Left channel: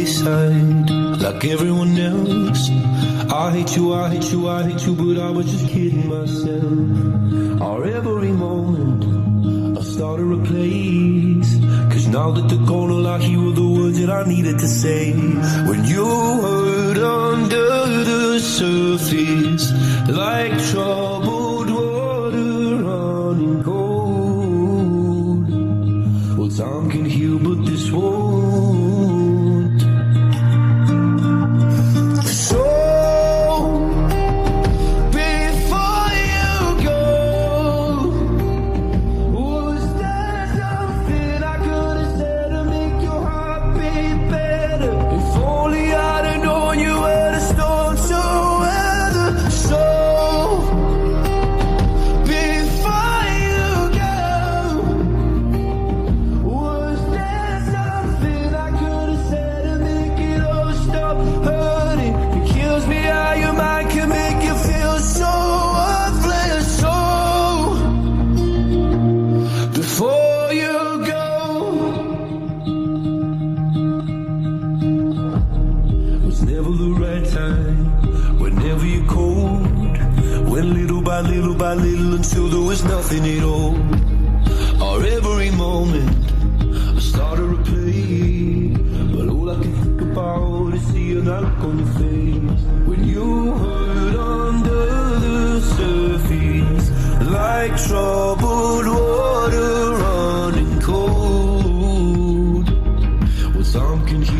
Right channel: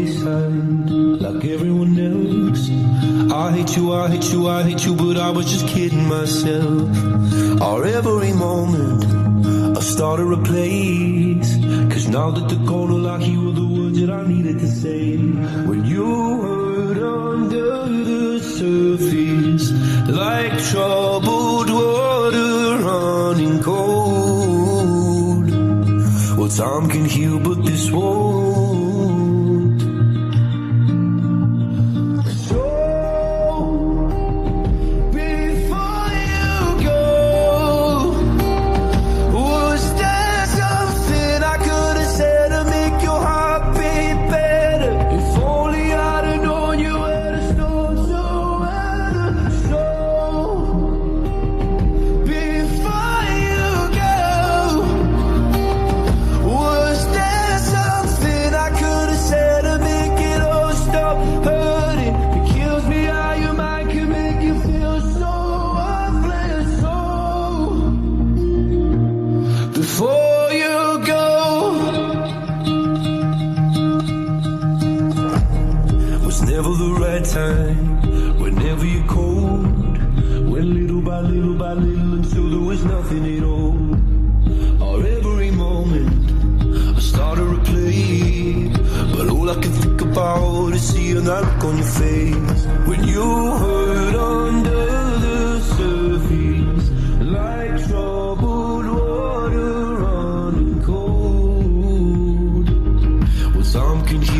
wayside like everyone else. I hate you, I hate you, I hate you, but I was just kidding myself. Our every moment I started a place, cause now that they're gone, all I hear were the words that I needed to say. When you hurt under the surface, like troubled water running cold. Well, time can heal, but this won't. So before you go, was there something I could have said to make your heart beat better? If only I'd have known you were the storm to weather. So before you go, was there something I could have said to make it all stop hurting? It kills me how your mind can make you feel so worthless. So before you go, was never the right time, whenever you're cold. Went little by little by little until there was nothing at all. Our every moment I started to play, but all I can think about is seeing that look on your face. When you hurt under the surface, like troubled water running cold. Well, time can heal,